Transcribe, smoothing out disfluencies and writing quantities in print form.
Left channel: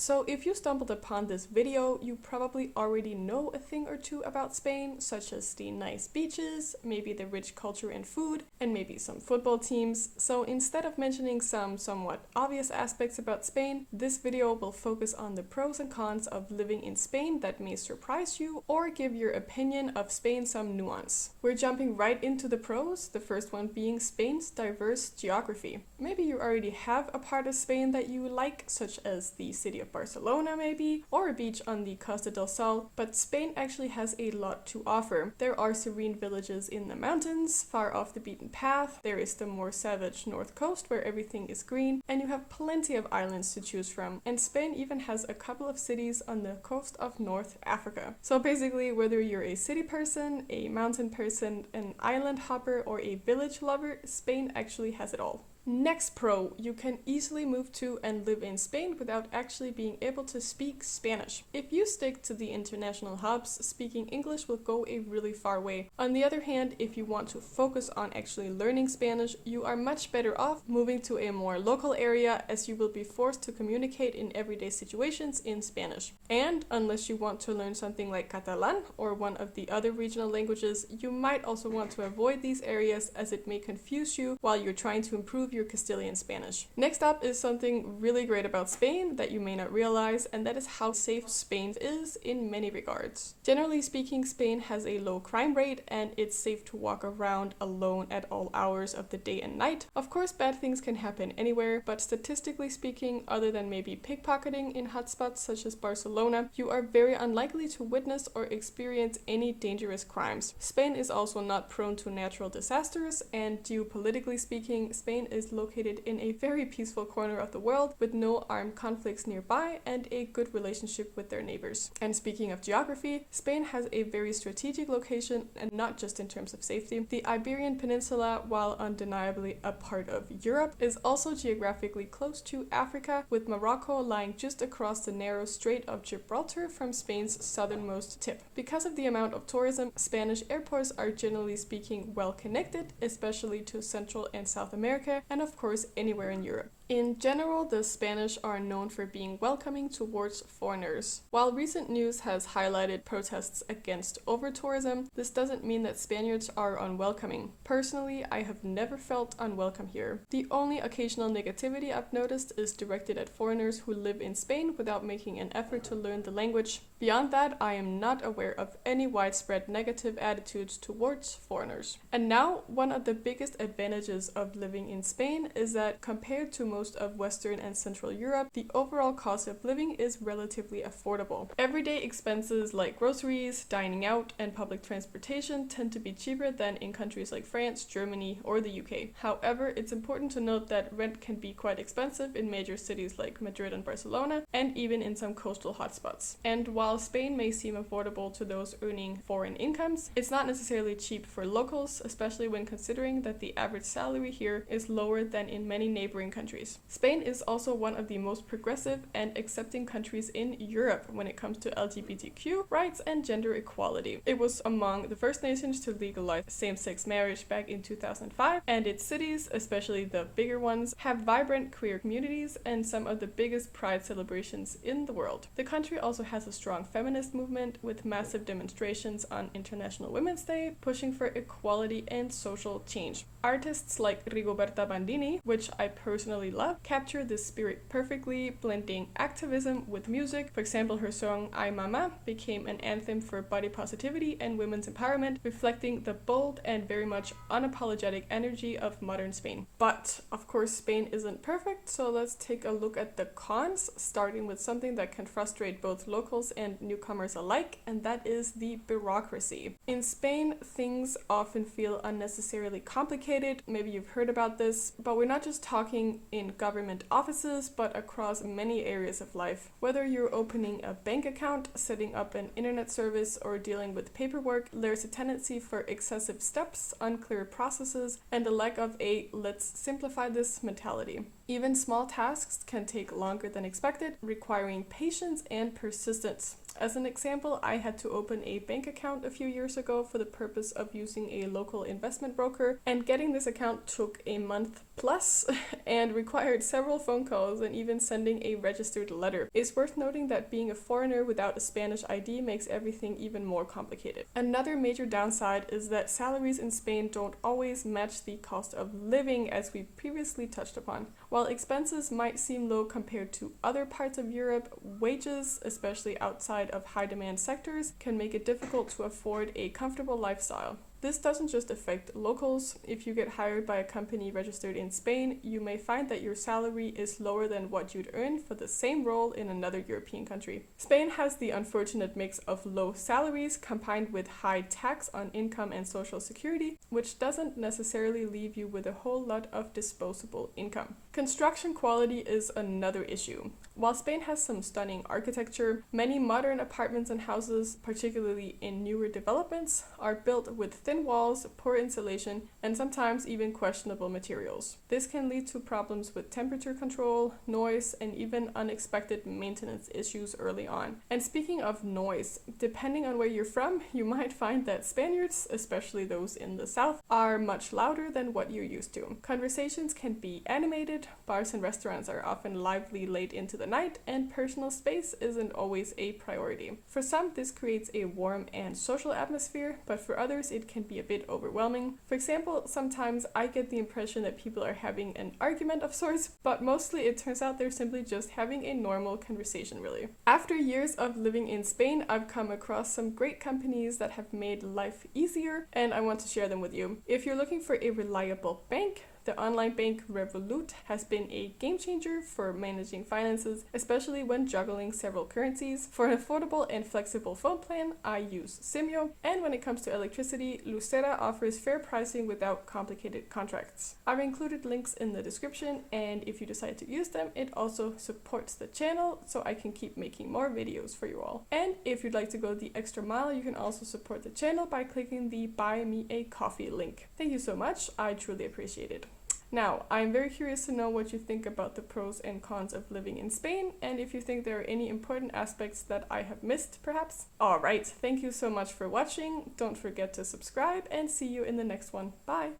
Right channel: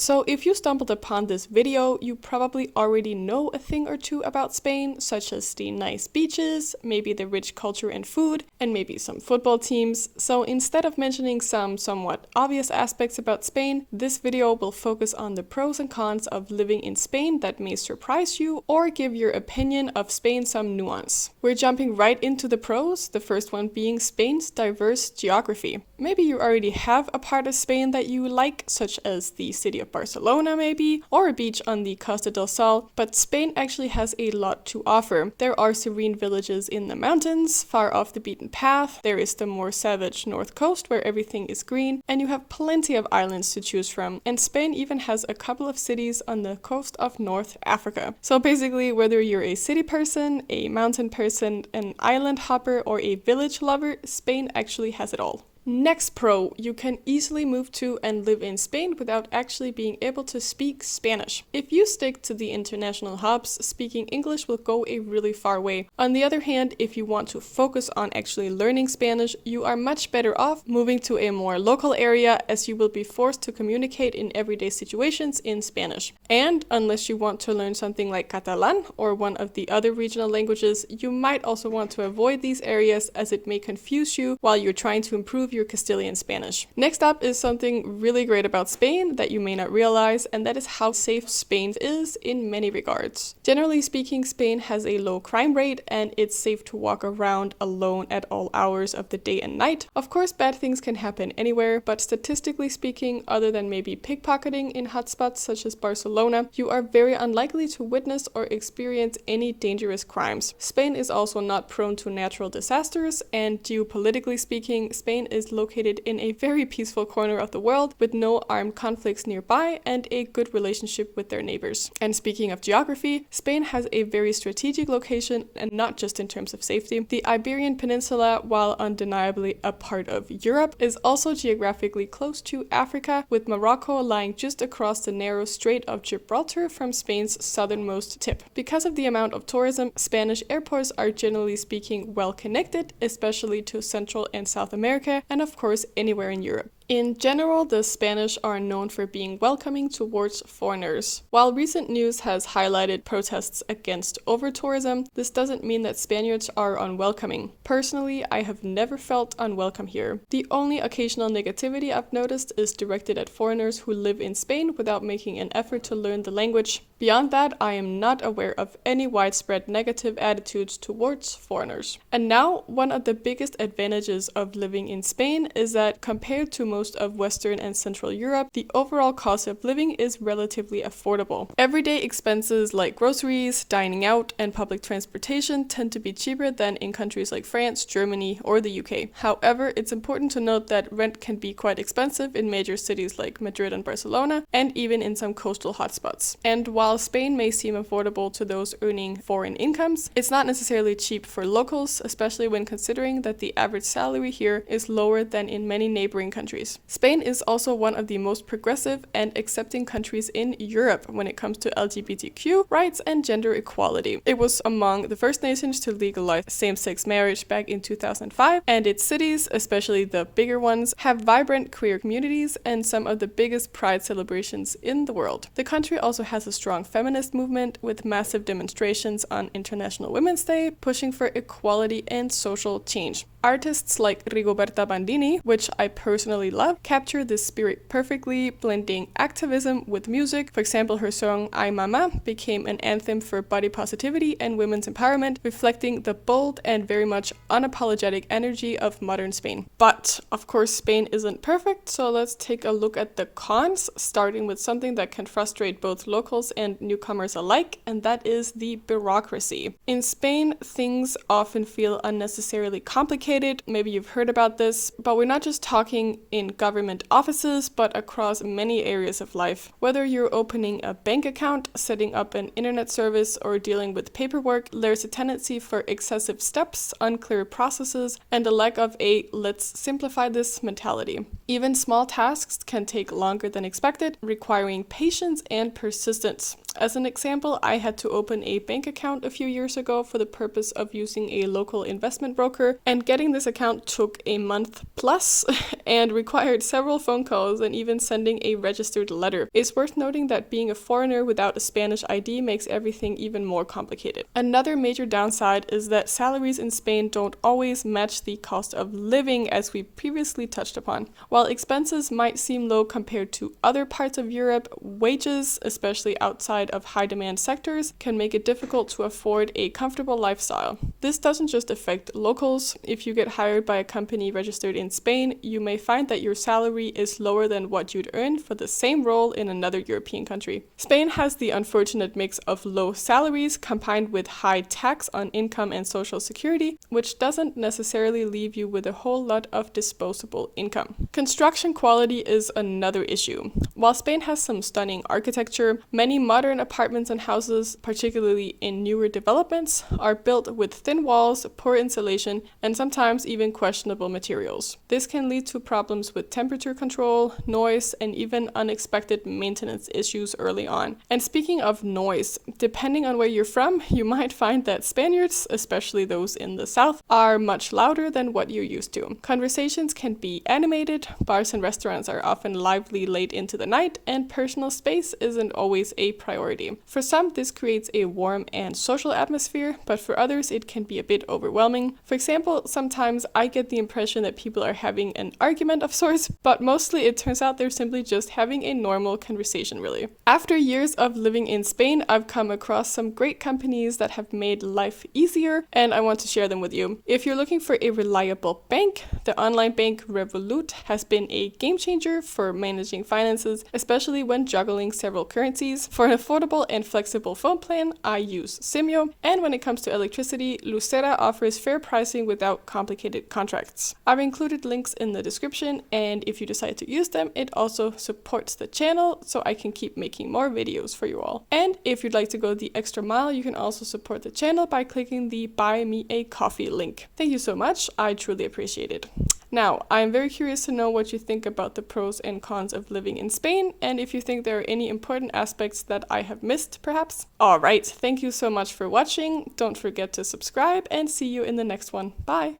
So if you stumbled upon this video, you probably already know a thing or two about Spain, such as the nice beaches, maybe the rich culture and food, and maybe some football teams. So instead of mentioning some somewhat obvious aspects about Spain, this video will focus on the pros and cons of living in Spain that may surprise you or give your opinion of Spain some nuance. We're jumping right into the pros, the first one being Spain's diverse geography. Maybe you already have a part of Spain that you like, such as the city of Barcelona maybe, or a beach on the Costa del Sol, but Spain actually has a lot to offer. There are serene villages in the mountains, far off the beaten path, there is the more savage north coast where everything is green, and you have plenty of islands to choose from, and Spain even has a couple of cities on the coast of North Africa. So basically, whether you're a city person, a mountain person, an island hopper, or a village lover, Spain actually has it all. Next pro, you can easily move to and live in Spain without actually being able to speak Spanish. If you stick to the international hubs, speaking English will go a really far way. On the other hand, if you want to focus on actually learning Spanish, you are much better off moving to a more local area, as you will be forced to communicate in everyday situations in Spanish. And unless you want to learn something like Catalan or one of the other regional languages, you might also want to avoid these areas, as it may confuse you while you're trying to improve your Castilian Spanish. Next up is something really great about Spain that you may not realize, and that is how safe Spain is in many regards. Generally speaking, Spain has a low crime rate, and it's safe to walk around alone at all hours of the day and night. Of course, bad things can happen anywhere, but statistically speaking, other than maybe pickpocketing in hotspots such as Barcelona, you are very unlikely to witness or experience any dangerous crimes. Spain is also not prone to natural disasters, and geopolitically speaking, Spain is located in a very peaceful corner of the world with no armed conflicts nearby and a good relationship with their neighbors. And speaking of geography, Spain has a very strategic location, and not just in terms of safety. The Iberian Peninsula, while undeniably a part of Europe, is also geographically close to Africa, with Morocco lying just across the narrow Strait of Gibraltar from Spain's southernmost tip. Because of the amount of tourism, Spanish airports are generally speaking well connected, especially to Central and South America, and of course anywhere in Europe. In general, the Spanish are known for being welcoming towards foreigners. While recent news has highlighted protests against over-tourism, this doesn't mean that Spaniards are unwelcoming. Personally, I have never felt unwelcome here. The only occasional negativity I've noticed is directed at foreigners who live in Spain without making an effort to learn the language. Beyond that, I am not aware of any widespread negative attitudes towards foreigners. And now, one of the biggest advantages of living in Spain is that compared to most of Western and Central Europe, the overall cost of living is relatively affordable. Everyday expenses like groceries, dining out, and public transportation tend to be cheaper than in countries like France, Germany, or the UK. However, it's important to note that rent can be quite expensive in major cities like Madrid and Barcelona, and even in some coastal hotspots. And while Spain may seem affordable to those earning foreign incomes, it's not necessarily cheap for locals, especially when considering that the average salary here is lower than in many neighboring countries. Spain is also one of the most progressive and accepting countries in Europe when it comes to LGBTQ rights and gender equality. It was among the first nations to legalize same-sex marriage back in 2005, and its cities, especially the bigger ones, have vibrant queer communities and some of the biggest pride celebrations in the world. The country also has a strong feminist movement with massive demonstrations on International Women's Day, pushing for equality and social change. Artists like Rigoberta Bandini, which I personally love, capture this spirit perfectly, blending activism with music. For example, her song Ay Mama became an anthem for body positivity and women's empowerment, reflecting the bold and very much unapologetic energy of modern Spain. But, of course, Spain isn't perfect, so let's take a look at the cons, starting with something that can frustrate both locals and newcomers alike, and that is the bureaucracy. In Spain, things often feel unnecessarily complicated. Maybe you've heard about this, but we're not just talking in government offices, but across many areas of life. Whether you're opening a bank account, setting up an internet service, or dealing with paperwork, there's a tendency for excessive steps, unclear processes, and a lack of a "let's simplify this" mentality. Even small tasks can take longer than expected, requiring patience and persistence. As an example, I had to open a bank account a few years ago for the purpose of using a local investment broker, and getting this account took a month plus and required several phone calls and even sending a registered letter. It's worth noting that being a foreigner without a Spanish ID makes everything even more complicated. Another major downside is that salaries in Spain don't always match the cost of living, as we previously touched upon. While expenses might seem low compared to other parts of Europe, wages, especially outside of high demand sectors, can make it difficult to afford a comfortable lifestyle. This doesn't just affect locals. If you get hired by a company registered in Spain, you may find that your salary is lower than what you'd earn for the same role in another European country. Spain has the unfortunate mix of low salaries combined with high tax on income and social security, which doesn't necessarily leave you with a whole lot of disposable income. Construction quality is another issue. While Spain has some stunning architecture, many modern apartments and houses, particularly in newer developments, are built with thin walls, poor insulation, and sometimes even questionable materials. This can lead to problems with temperature control, noise, and even unexpected maintenance issues early on. And speaking of noise, depending on where you're from, you might find that Spaniards, especially those in the south, are much louder than what you're used to. Conversations can be animated, bars and restaurants are often lively late into the night, and personal space isn't always a priority. For some, this creates a warm and social atmosphere, but for others, it can be a bit overwhelming. For example, sometimes I get the impression that people are having an argument of sorts, but mostly it turns out they're simply just having a normal conversation, really. After years of living in Spain, I've come across some great companies that have made life easier, and I want to share them with you. If you're looking for a reliable bank, the online bank Revolut has been a game changer for managing finances, especially when juggling several currencies. For an affordable and flexible phone plan, I use Simyo, and when it comes to electricity, Lucera offers fair pricing without complicated contracts. I've included links in the description, and if you decide to use them, it also supports the channel so I can keep making more videos for you all. And if you'd like to go the extra mile, you can also support the channel by clicking the Buy Me a Coffee link. Thank you so much, I truly appreciate it. Now, I'm very curious to know what you think about the pros and cons of living in Spain, and if you think there are any important aspects that I have missed, perhaps. Alright, thank you so much for watching. Don't forget to subscribe, and see you in the next one. Bye!